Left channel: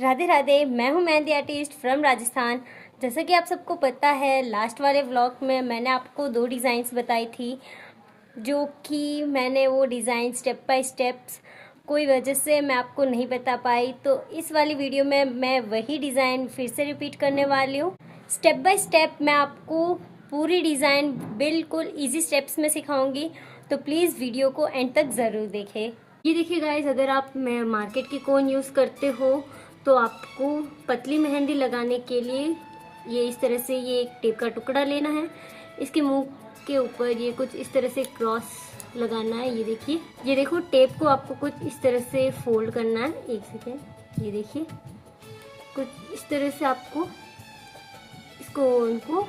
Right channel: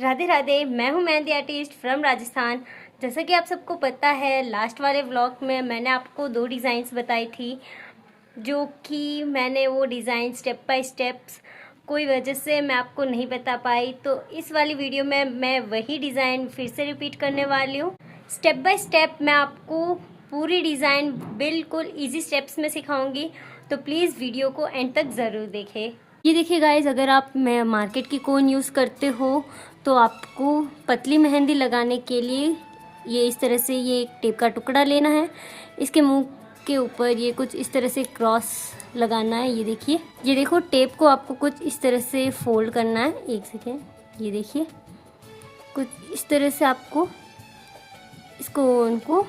राधे राधे। मैं हूँ mehndi artist from Rajasthan. जैसा कि आप सबको पता है, लास्ट वाले व्लॉग में मैंने आपको 2 डिज़ाइंस बताई थी, जो कि मैंने वो डिज़ाइन स्टेप बाय स्टेप्स कोई वजह से मैं आपको नहीं बता पाई। तो इस वाली वीडियो में मैं वही डिज़ाइन फिर से रिपीट करने वाली हूँ। स्टेप बाय स्टेप मैं आपको पूरी डिज़ाइन बिल्कुल ईजी स्टेप्स में सिखाऊंगी, तो प्लीज़ वीडियो को एंड तक ज़रूर देखें। ये देखिए गाइस, अगर आप मार्केट की कोन यूज़ करते हो तो आपको पतली मेहंदी लगाने के लिए ये इस तरह से ये एक टेप का टुकड़ा लेना है। इसके मुंह के ऊपर ये कुछ इस तरह से क्रॉस लगाना है। ये देखिए, ये देखो, टेप को आपको कुछ इस तरह से फोल्ड करना है। एक सेकेंड, ये देखिए, कुछ इस तरह से आपको इसको उनको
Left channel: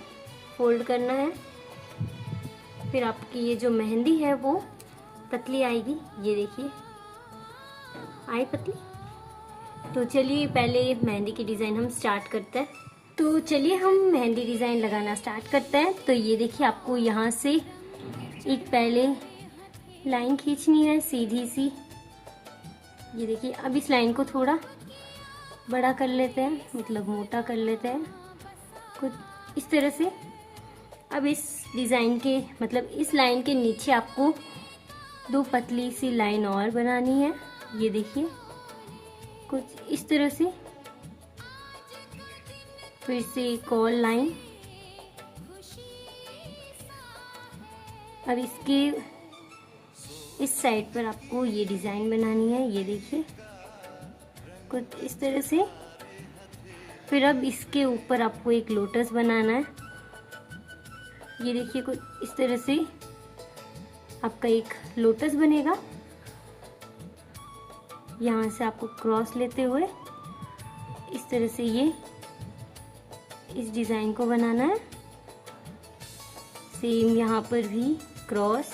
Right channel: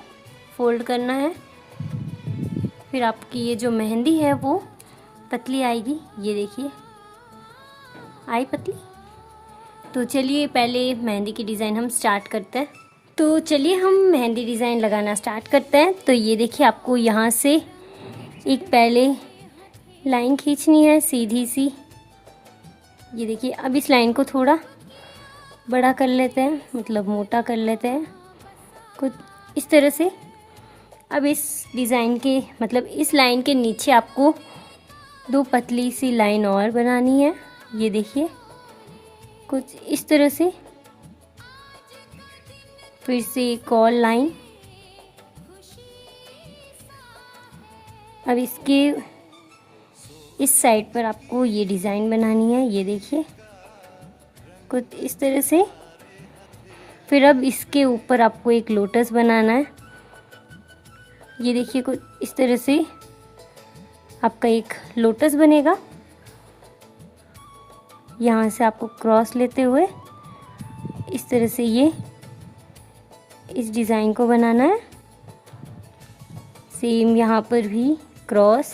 फोल्ड करना है। फिर आपकी ये जो मेहंदी है वो पतली आएगी। ये देखिए, आई पतली। तो चलिए पहले मेहंदी की डिज़ाइन हम स्टार्ट करते हैं। तो चलिए हम मेहंदी डिज़ाइन लगाना स्टार्ट करते हैं। तो ये देखिए, आपको यहाँ से एक पहले लाइन खींचनी है सीधी सी। ये देखिए, अब इस लाइन को थोड़ा बड़ा कर लेते हैं, मतलब मोटा कर लेते हैं कुछ इस तरह से। अब इस डिज़ाइन के मतलब इस लाइन के नीचे आपको 2 पतली सी लाइन और बनानी है। ये देखिए, कुछ इस तरह से। फिर से एक और लाइन। अब इसके इस साइड पर आपको ये डिज़ाइन बनानी है। ये देखिए, कुछ इस तरह से। फिर अब इसके ऊपर आपको एक लोटस बनाना है। ये देखिए, कुछ इस तरह से आपका एक लोटस बनेगा। यहाँ से आपको क्रॉस लेते हुए इस तरह से ये इस डिज़ाइन को बनाना है। सेम यहाँ पर भी क्रॉस।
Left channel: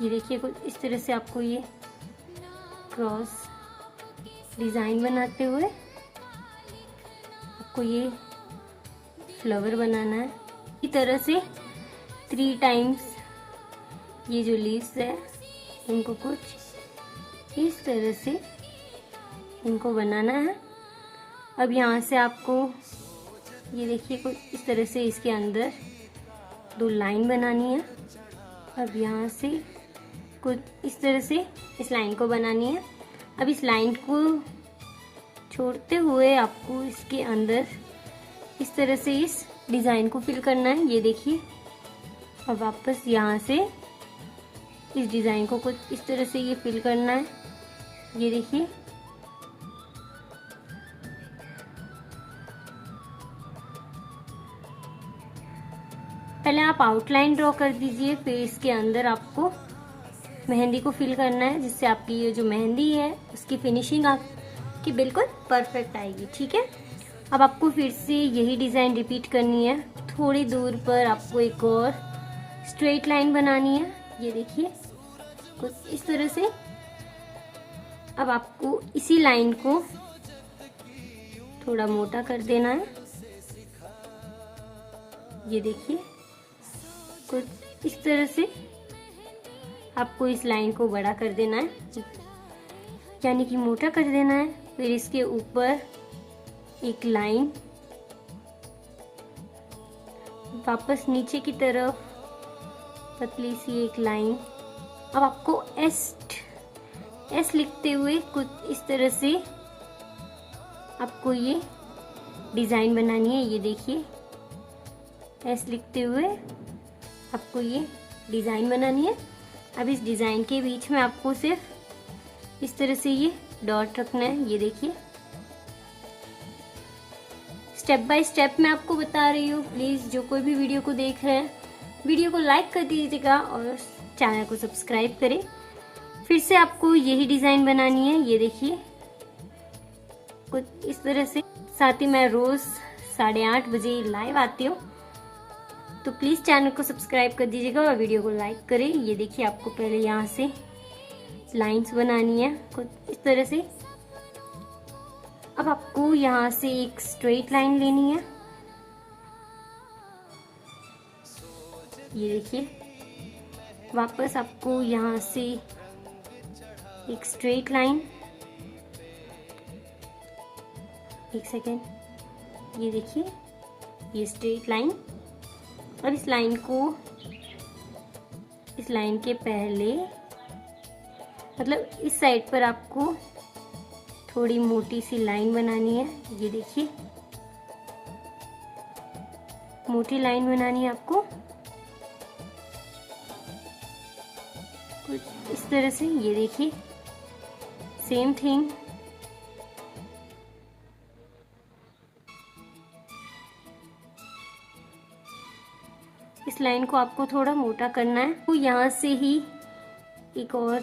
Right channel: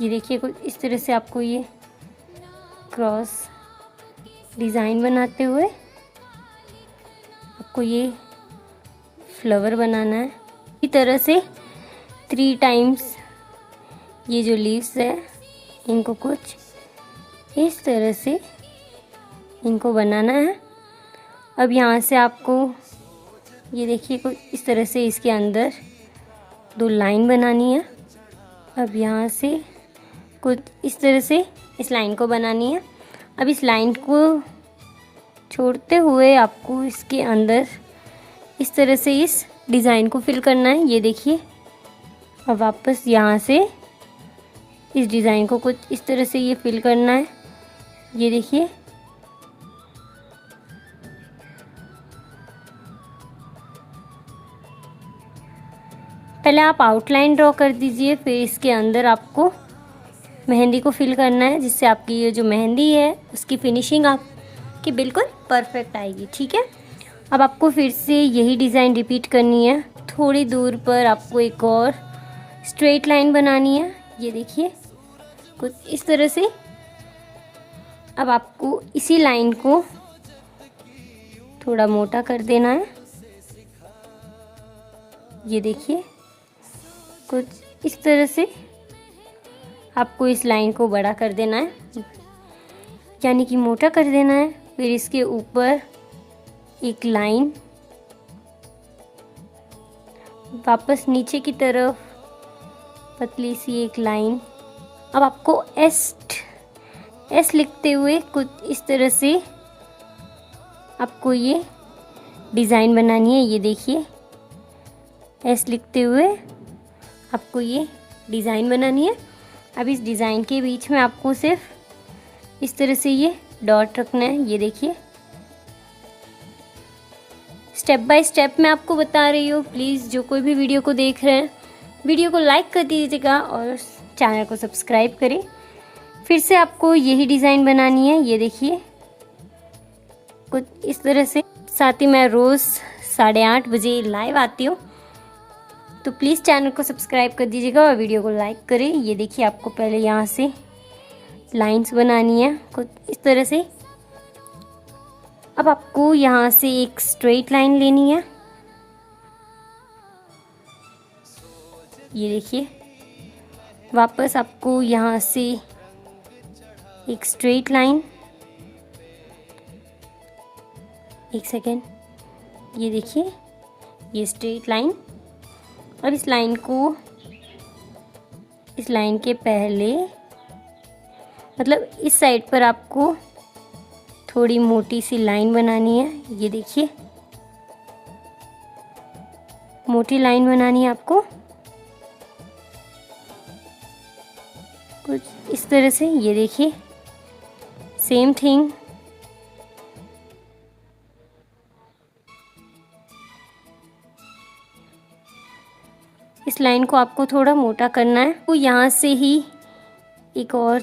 ये देखिए, कुछ इस तरह से आपको ये क्रॉस डिज़ाइन बनाते हुए आपको ये फ्लावर बनाना है। इसी तरह से 3 टाइम्स ये जो लीव्स है इनको कुछ इस तरह से इनको बनाना है। अब यहाँ से आपको ये देखिए, कुछ इस तरह से इसके अंदर 2 लाइन बनानी है। अब यहाँ से कुछ इस तरह से इस लाइन को बनानी है। अब इस लाइन को छोड़ते हुए आपको इसके अंदर इस तरह से इस डिज़ाइन को फिल करना है। ये देखिए, अब वापस यहाँ से इस डिज़ाइन को कुछ इस तरह से ये फिल करना है। ये देखिए, पहले आप आउटलाइन ड्रॉ कर दीजिए, फिर इसके अंदर आपको मेहंदी को फिल करना है, जिससे आपकी ये जो मेहंदी है उसकी फिनिशिंग आपकी बिल्कुल परफेक्ट आएगी। ठीक है, अब आपको फिर से यही डिज़ाइन रिपीट करनी है। थोड़ी दूर पर आपको एक और स्ट्रेट लाइन बनानी है। ये देखिए, कुछ इस तरह से। अब आपको इसी लाइन को थोड़ा मोटा कर देना है। ये देखिए, कुछ इस तरह से आपको इस लाइन को बड़ा कर देना है, यानी कि मोटा कर देना है। फिर इसके ऊपर एक लाइन, वापस नीचे की तरफ पतली सी एक लाइन। अब आपको एस लिखते हुए कुछ इस तरह से आपको ये डिज़ाइन बनानी है। ये देखिए, एस लिखते हुए आपको ये डिज़ाइन बनानी है। अब इस डिज़ाइन के बीच में आपको सिर्फ इस तरह से ये डॉट रखना है। ये देखिए, स्टेप बाय स्टेप मैं आपको बता रही हूँ। प्लीज़ जो कोई भी वीडियो को देख रहे हैं, वीडियो को लाइक कर दीजिएगा और चैनल को सब्सक्राइब करें। फिर से आपको यही डिज़ाइन बनानी है। ये देखिए, कुछ इस तरह से। साथ ही मैं रोज़ 8:30 बजे लाइव आती हूँ, तो प्लीज़ चैनल को सब्सक्राइब कर दीजिएगा और वीडियो को लाइक करें। ये देखिए, आपको पहले यहाँ से लाइंस बनानी है कुछ इस तरह से। अब आपको यहाँ से एक स्ट्रेट लाइन लेनी है। ये देखिए, वापस आपको यहाँ से एक स्ट्रेट लाइन, एक सेकेंड, ये देखिए ये स्ट्रेट लाइन। अब इस लाइन को, इस लाइन के पहले मतलब इस साइड पर आपको थोड़ी मोटी सी लाइन बनानी है। ये देखिए मोटी लाइन बनानी है आपको कुछ इस तरह से। ये देखिए सेम थिंग, इस लाइन को आपको थोड़ा मोटा करना है। तो यहाँ से ही एक और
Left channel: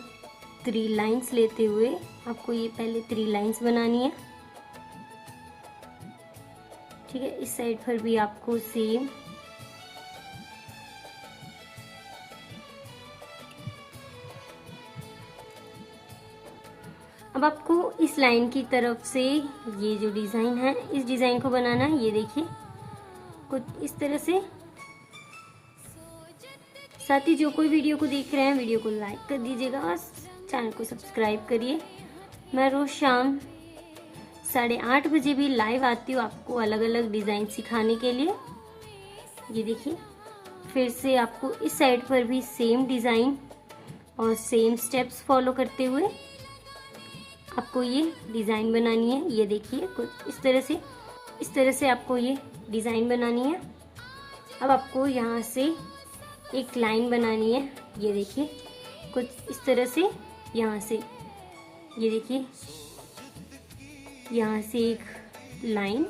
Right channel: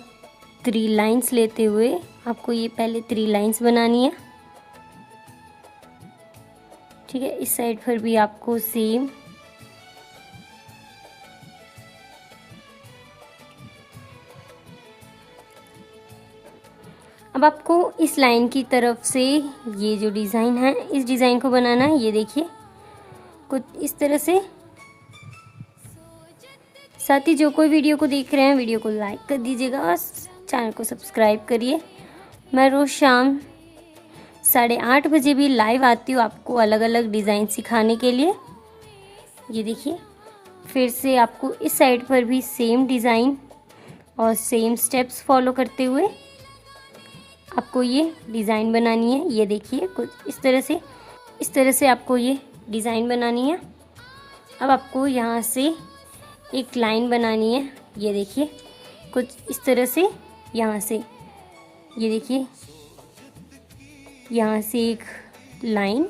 3 लाइंस लेते हुए आपको ये पहले 3 लाइंस बनानी है, ठीक है। इस साइड पर भी आपको सेम, अब आपको इस लाइन की तरफ से ये जो डिज़ाइन है, इस डिज़ाइन को बनाना है। ये देखिए कुछ इस तरह से। साथ ही जो कोई वीडियो को देख रहे हैं, वीडियो को लाइक कर दीजिएगा और चैनल को सब्सक्राइब करिए। मैं रोज़ शाम 8:30 बजे भी लाइव आती हूँ आपको अलग अलग डिज़ाइन सिखाने के लिए। ये देखिए फिर से आपको इस साइड पर भी सेम डिज़ाइन और सेम स्टेप्स फॉलो करते हुए आपको ये डिज़ाइन बनानी है। ये देखिए कुछ इस तरह से आपको ये डिज़ाइन बनानी है। अब आपको यहाँ से एक लाइन बनानी है। ये देखिए कुछ इस तरह से, यहाँ से ये देखिए यहाँ से एक लाइन,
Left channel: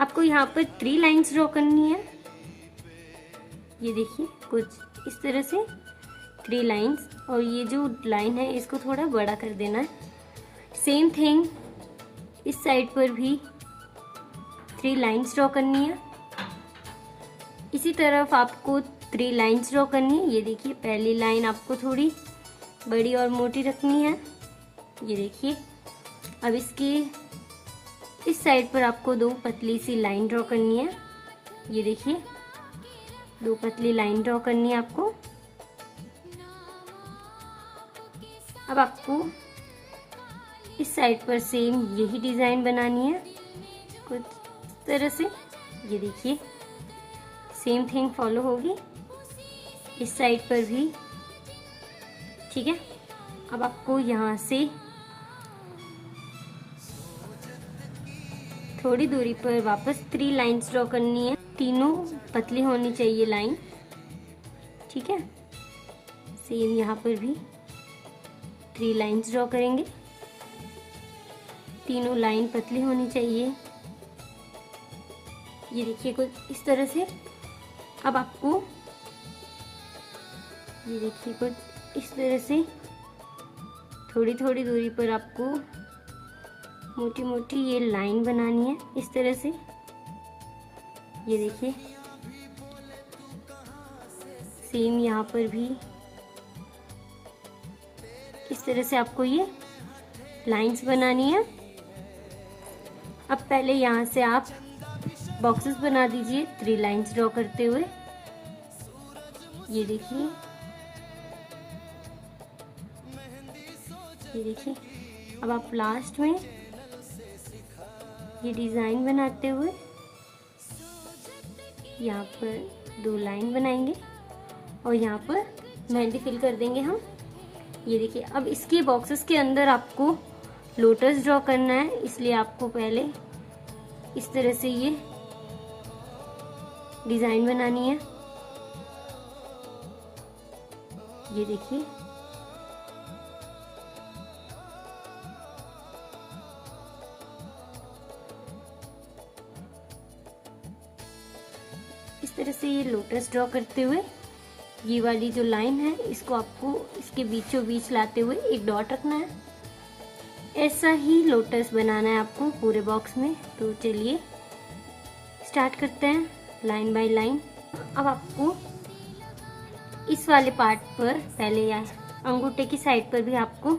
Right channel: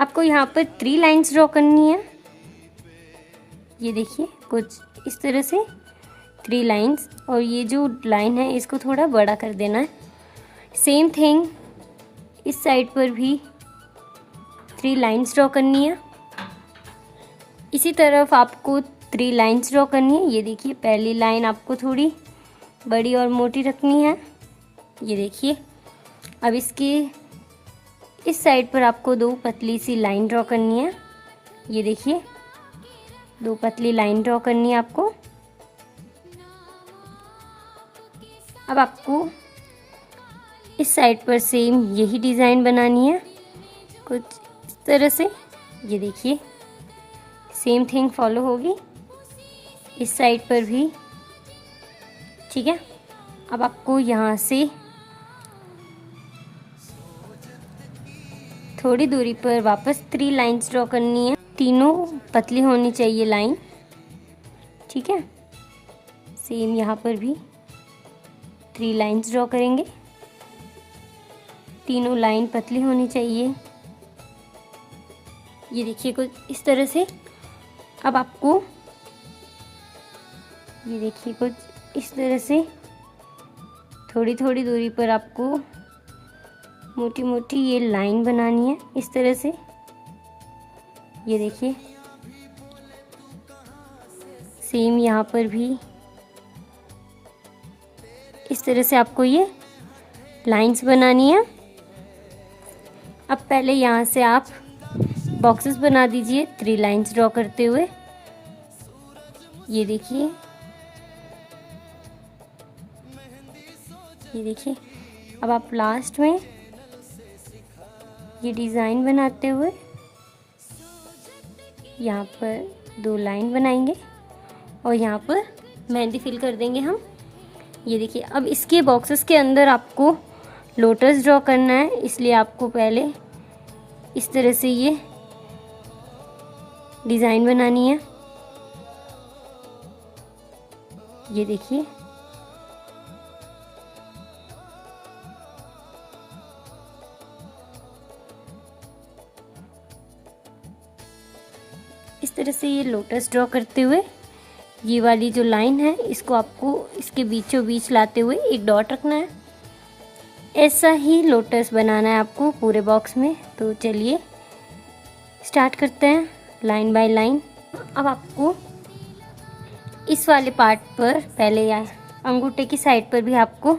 आपको यहाँ पर 3 लाइंस ड्रॉ करनी है। ये देखिए कुछ इस तरह से 3 लाइंस, और ये जो लाइन है इसको थोड़ा बड़ा कर देना है। सेम थिंग इस साइड पर भी 3 लाइंस ड्रॉ करनी है। इसी तरफ आपको 3 लाइंस ड्रॉ करनी है। ये देखिए पहली लाइन आपको थोड़ी बड़ी और मोटी रखनी है। ये देखिए अब इसके इस साइड पर आपको 2 पतली सी लाइन ड्रॉ करनी है। ये देखिए 2 पतली लाइन ड्रॉ करनी है आपको। अब आपको इस साइड पर सेम यही डिज़ाइन बनानी है कुछ इस तरह से। ये देखिए सेम थिंग फॉलो होगी इस साइड पर भी, ठीक है। अब आपको यहाँ से थोड़ी दूरी पर वापस 3 लाइंस ड्रॉ करनी है। तीनों पतली होनी चाहिए लाइन, ठीक है। सेम यहाँ पर भी 3 लाइंस ड्रॉ करेंगे, तीनों लाइन पतली होनी चाहिए। ये देखिए कुछ इस तरह से। अब आपको ये देखिए कुछ इस तरह से थोड़ी थोड़ी दूरी पर आपको मोटी मोटी ये लाइन बनानी है इस तरह से। ये देखिए सेम यहाँ पर भी इस तरह से आपको ये लाइंस बनानी है। अब पहले यहाँ से आप बॉक्सेस बना दीजिए 3 लाइंस ड्रॉ करते हुए। ये देखिए अब आप लास्ट में ये डिज़ाइन बनाते हुए यहाँ पर 2 लाइन बनाएंगे और यहाँ पर मेहंदी फिल कर देंगे हम। ये देखिए अब इसके बॉक्सेस के अंदर आपको लोटस ड्रॉ करना है, इसलिए आपको पहले इस तरह से ये डिज़ाइन बनानी है। ये देखिए इस तरह से ये लोटस ड्रॉ करते हुए ये वाली जो लाइन है इसको आपको इसके बीचों बीच लाते हुए एक डॉट रखना है। ऐसा ही लोटस बनाना है आपको पूरे बॉक्स में। तो चलिए स्टार्ट करते हैं लाइन बाय लाइन। अब आपको इस वाले पार्ट पर पहले या अंगूठे की साइड पर भी आपको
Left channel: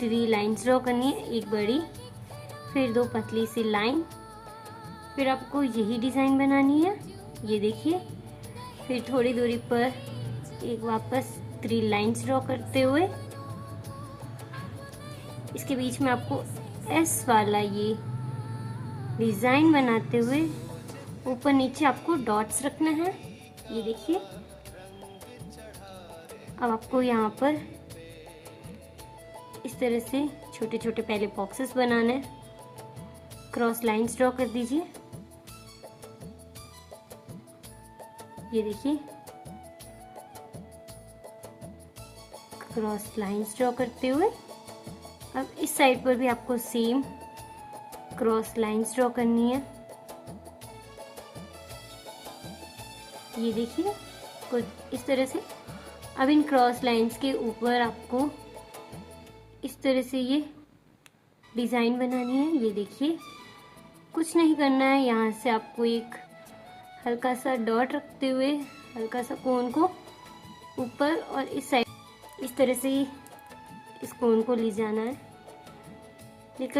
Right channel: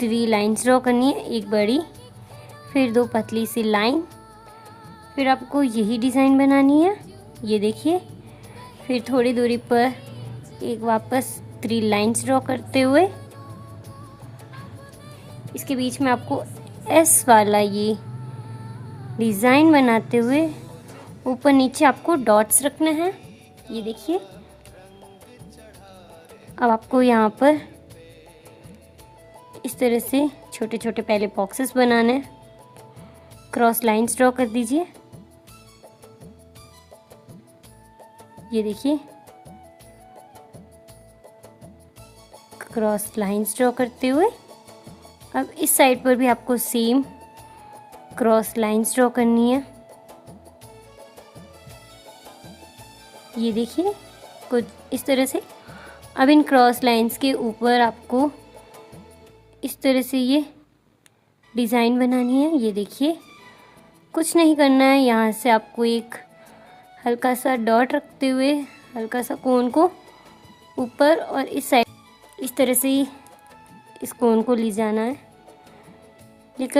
3 लाइंस ड्रॉ करनी है, एक बड़ी फिर 2 पतली सी लाइन, फिर आपको यही डिज़ाइन बनानी है। ये देखिए फिर थोड़ी दूरी पर एक वापस 3 लाइंस ड्रॉ करते हुए इसके बीच में आपको एस वाला ये डिज़ाइन बनाते हुए ऊपर नीचे आपको डॉट्स रखना है। ये देखिए, अब आपको यहाँ पर इस तरह से छोटे छोटे पहले बॉक्सेस बनाने हैं। क्रॉस लाइंस ड्रॉ कर दीजिए। ये देखिए, क्रॉस लाइंस ड्रॉ करते हुए अब इस साइड पर भी आपको सेम क्रॉस लाइंस ड्रॉ करनी है। ये देखिए, कुछ इस तरह से। अब इन क्रॉस लाइंस के ऊपर आपको इस तरह से ये डिज़ाइन बनानी है। ये देखिए, कुछ नहीं करना है, यहाँ से आपको एक हल्का सा डॉट रखते हुए हल्का सा कोन को ऊपर और इस साइड इस तरह से इस कोन को लेकर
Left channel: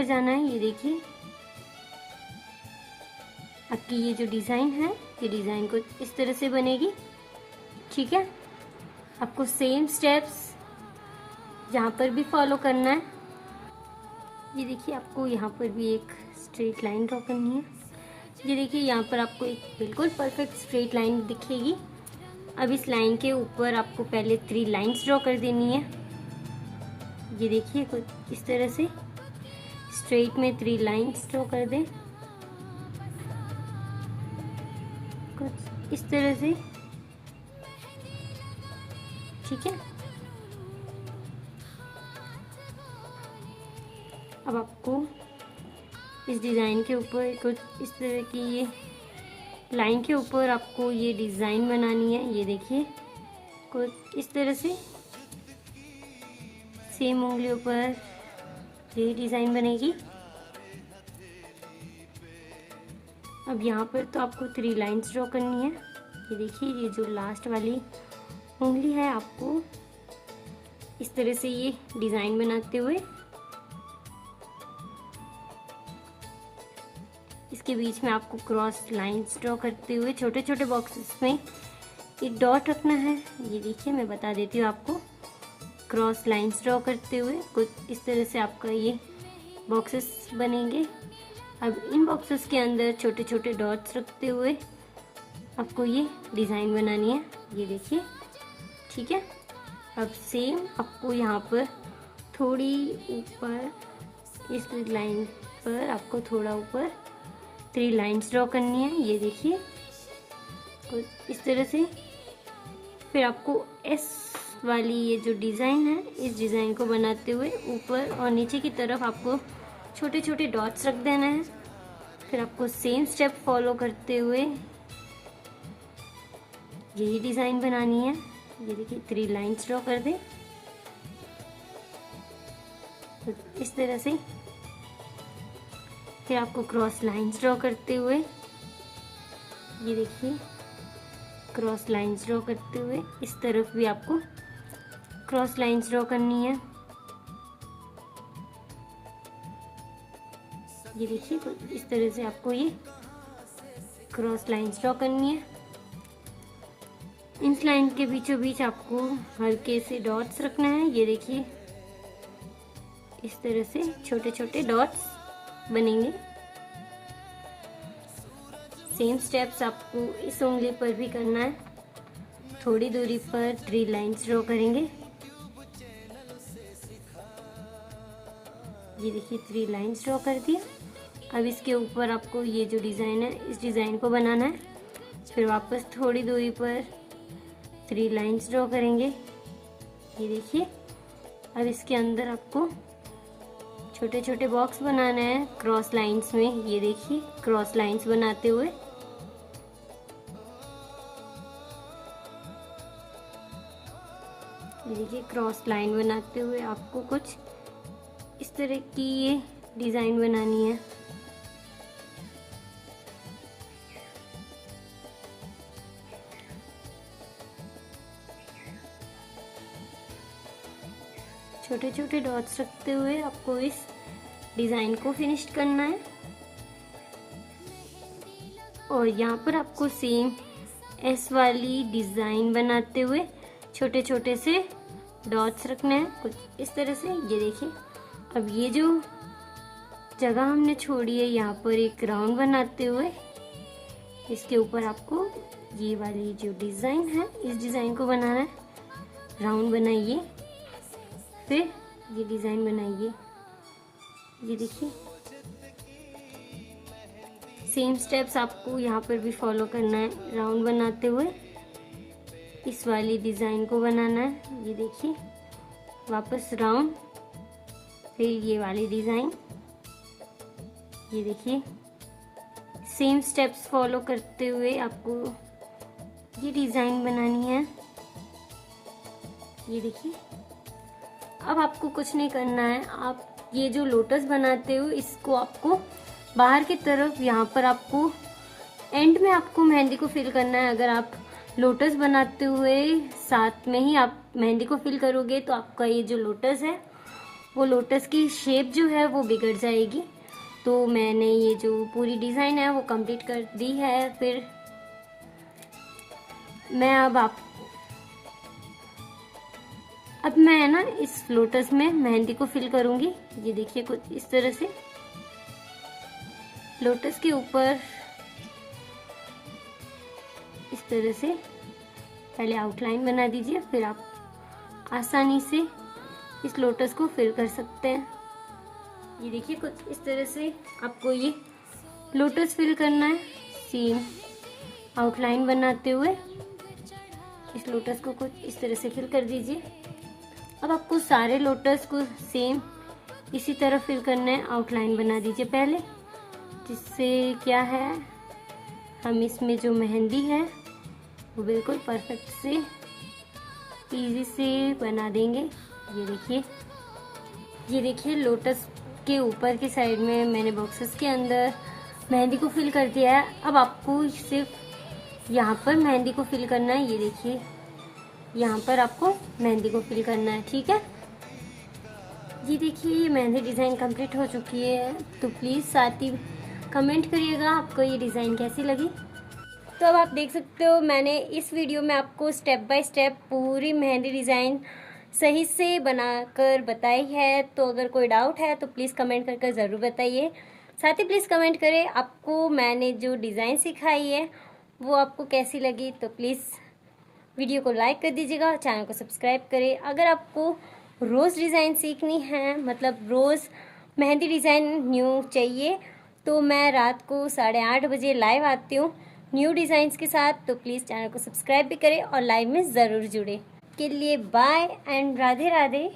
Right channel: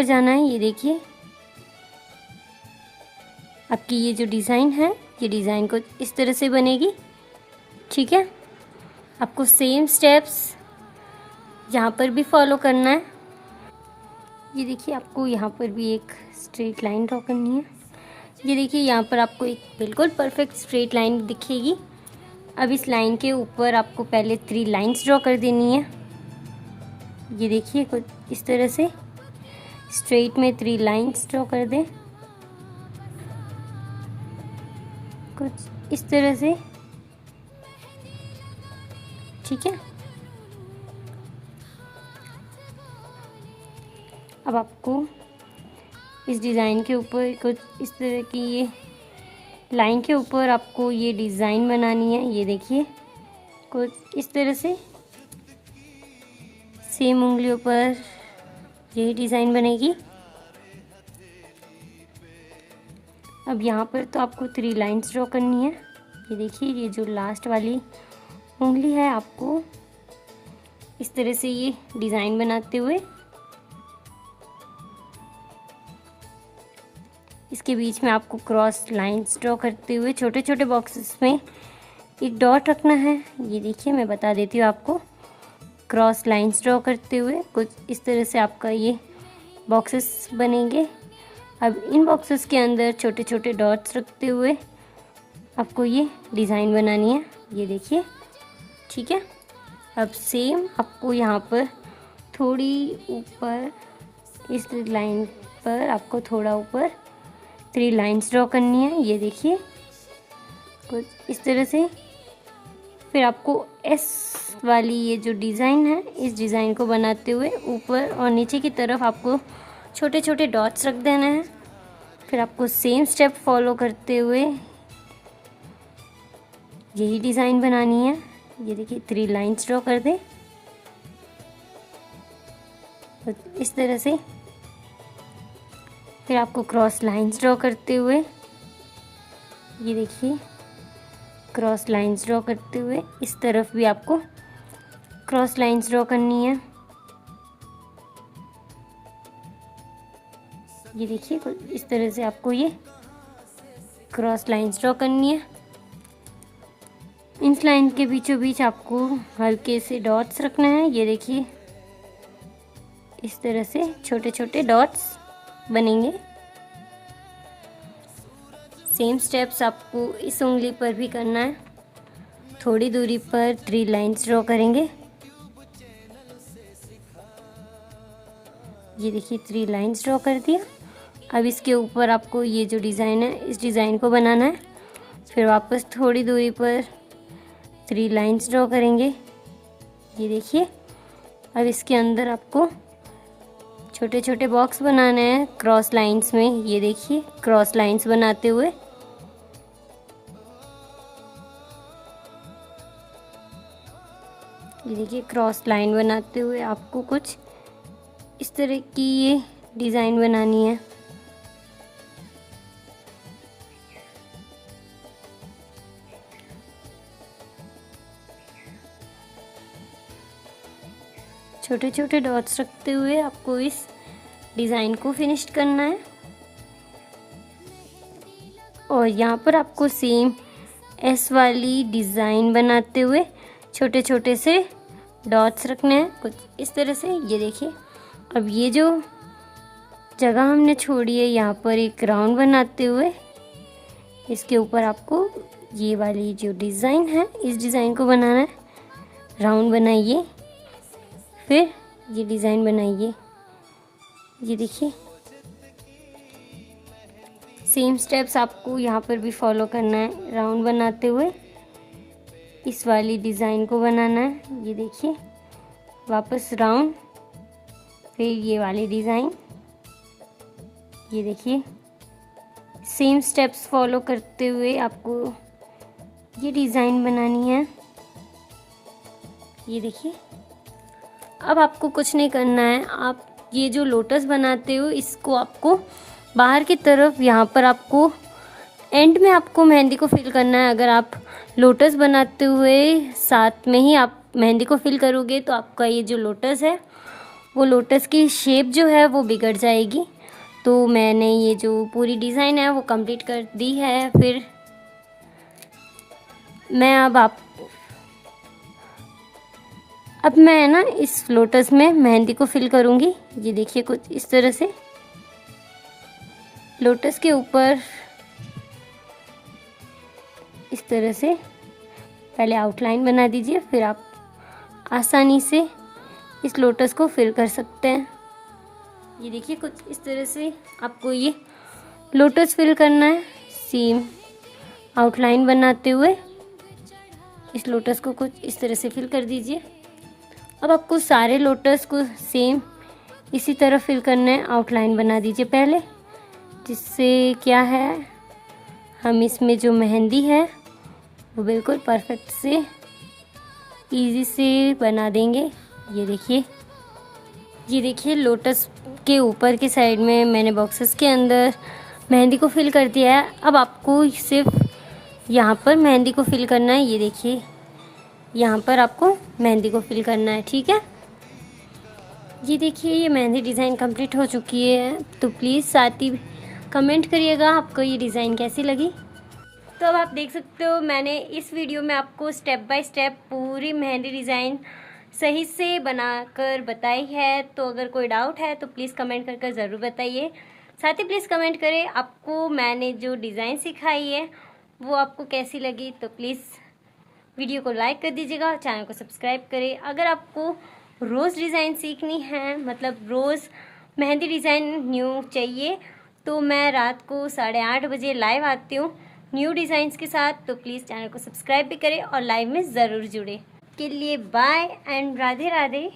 जाना है। ये देखिए, आपकी ये जो डिज़ाइन है, ये डिज़ाइन को इस तरह से बनेगी। ठीक है, आपको सेम स्टेप्स यहाँ पर भी फॉलो करना है। ये देखिए, आपको यहाँ पर भी एक स्ट्रेट लाइन ड्रॉ करनी है। ये देखिए, यहाँ पर आपको एक बिल्कुल परफेक्ट स्ट्रेट लाइन दिखेगी। अब इस लाइन के ऊपर आपको पहले 3 लाइंस ड्रॉ कर देनी है। ये देखिए, कुछ इस तरह से स्ट्रेट में 3 लाइंस ड्रॉ कर दें, कुछ इस तरह से। ठीक है, अब आपको इस डिज़ाइन के ऊपर कुछ इस तरह की ये लाइन के ऊपर आपको ये डिज़ाइन बनानी है। ये देखिए, कुछ इस तरह से सेम उंगलियों पर यही डिज़ाइन बनेगी। अब यहाँ पर तो आपको 3 लाइंस ड्रॉ करनी है। ये देखिए, ये जो लास्ट वाली उंगली है, आपको इस तरह से ये डिज़ाइन बनाते हुए इसके बीच में आपको क्रॉस लाइंस ड्रॉ करते हुए छोटे छोटे बॉक्सेस में एक डॉट रखना है। ये देखिए, मैं बता देती हूँ आपको। क्रॉस लाइंस ड्रॉ करते हुए कुछ इस तरह से आपका ये बॉक्सेस बनेंगे। अब इन बॉक्सेस के अंदर छोटे छोटे डॉट्स रखते हुए आपको ये डिज़ाइन बनानी है। ये देखिए, ठीक है। अब सेम आपको यहाँ पर थोड़ी ऊपर इस लाइन पर आपको थोड़ा ऊपर 3 लाइंस ड्रॉ करनी है। ये देखिए, कुछ इस तरह से। फिर आपको एस वाली ये जो डिज़ाइन है, इस डिज़ाइन को बनाते हुए ऊपर और नीचे की तरफ आपको छोटे छोटे डॉट्स रख देना है। फिर आपको सेम स्टेप फॉलो करते हुए यही डिज़ाइन बनानी है। ये देखिए, 3 लाइंस ड्रॉ कर दें इस तरह से। फिर आपको क्रॉस लाइंस ड्रॉ करते हुए, ये देखिए, क्रॉस लाइंस ड्रॉ करते हुए इस तरफ भी आपको क्रॉस लाइंस ड्रॉ करनी है। ये देखिए, इस तरह से आपको ये क्रॉस लाइंस ड्रॉ करनी है। इस लाइन के बीचों बीच आपको हल्के से डॉट्स रखना है। ये देखिए, इस तरह से छोटे छोटे डॉट्स बनेंगे। सेम स्टेप्स आपको इस उंगली पर भी करना है। थोड़ी दूरी पर 3 लाइंस ड्रॉ करेंगे। ये देखिए, 3 लाइंस ड्रॉ कर दिया। अब इसके ऊपर आपको ये जो डिज़ाइन है, इस डिज़ाइन को बनाना है। फिर वापस थोड़ी दूरी पर 3 लाइंस ड्रॉ करेंगे। ये देखिए, अब इसके अंदर आपको छोटे छोटे बॉक्स बनाने हैं क्रॉस लाइंस में। ये देखिए, क्रॉस लाइंस बनाते हुए ये देखिए, क्रॉस लाइन बनाते हुए आपको कुछ इस तरह की ये डिज़ाइन बनानी है। छोटे छोटे डॉट्स रखते हुए आपको इस डिज़ाइन को फिनिश करना है। और यहाँ पर आपको सेम एस वाली डिज़ाइन बनाते हुए छोटे छोटे से डॉट्स रखने हैं कुछ इस तरह से। ये देखिए, अब ये जो जगह हमने छोड़ी है यहाँ पर एक राउंड बनाते हुए इसके ऊपर आपको ये वाली जो डिज़ाइन है इस डिज़ाइन को बनाना है। राउंड बनाइए, फिर ये डिज़ाइन बनाइए। ये देखिए, सेम स्टेप्स आपको यहाँ पर भी फॉलो करना है। राउंड बनाते हुए इस वाली डिज़ाइन को बनाना है। ये देखिए, वापस राउंड, फिर ये वाली डिज़ाइन। ये देखिए, सेम स्टेप्स फॉलो करते हुए आपको ये डिज़ाइन बनानी है। ये देखिए, अब आपको कुछ नहीं करना है। आप ये जो लोटस बनाते हो इसको आपको बाहर की तरफ, यहाँ पर आपको एंड में आपको मेहंदी को फिल करना है। अगर आप लोटस बनाते हुए साथ में ही आप मेहंदी को फिल करोगे तो आपका ये जो लोटस है वो लोटस की शेप जो है वो बिगड़ जाएगी। तो मैंने ये जो पूरी डिज़ाइन है वो कंप्लीट कर दी है। फिर मैं अब मैं ना इस लोटस में मेहंदी को फिल करूँगी। ये देखिए, कुछ इस तरह से लोटस के ऊपर इस तरह से पहले आउटलाइन बना दीजिए, फिर आप आसानी से इस लोटस को फिल कर सकते हैं। ये देखिए, कुछ इस तरह से आपको ये लोटस फिल करना है। सेम आउटलाइन बनाते हुए इस लोटस को कुछ इस तरह से फिल कर दीजिए। अब आपको सारे लोटस को सेम इसी तरह फिल करना है। आउटलाइन बना दीजिए पहले, जिससे क्या है हम इसमें जो मेहंदी है वो बिल्कुल परफेक्ट से इजी से बना देंगे। ये देखिए लोटस के ऊपर की साइड में मैंने बॉक्सेस के अंदर मेहंदी को फिल कर दिया है। अब आपको सिर्फ यहाँ पर मेहंदी को फिल करना है। ये देखिए, यहाँ पर आपको मेहंदी को फिल करना है, ठीक है। ये देखिए, ये मेहंदी डिज़ाइन कंप्लीट हो चुकी है। तो प्लीज़ साथ ही कमेंट करिएगा आपको ये डिज़ाइन कैसी लगी। तो अब आप देख सकते हो मैंने इस वीडियो में आपको स्टेप बाय स्टेप पूरी मेहंदी डिज़ाइन सही से बनाकर बताई है। तो अगर कोई डाउट है तो प्लीज़ कमेंट करके ज़रूर बताइए। साथ ही प्लीज़ कमेंट करें आपको मैंने जो डिज़ाइन सिखाई है वो आपको कैसी लगी। तो प्लीज़ वीडियो को लाइक कर दीजिएगा, चैनल को सब्सक्राइब करें। अगर आपको रोज़ डिज़ाइन सीखनी है, मतलब रोज़ मेहंदी डिज़ाइन न्यू चाहिए, तो मैं रात को 8:30 बजे लाइव आती हूँ न्यू डिज़ाइंस के साथ। तो प्लीज़ चैनल को सब्सक्राइब भी करें और लाइव में ज़रूर जुड़े। के लिए बाय एंड राधे राधे।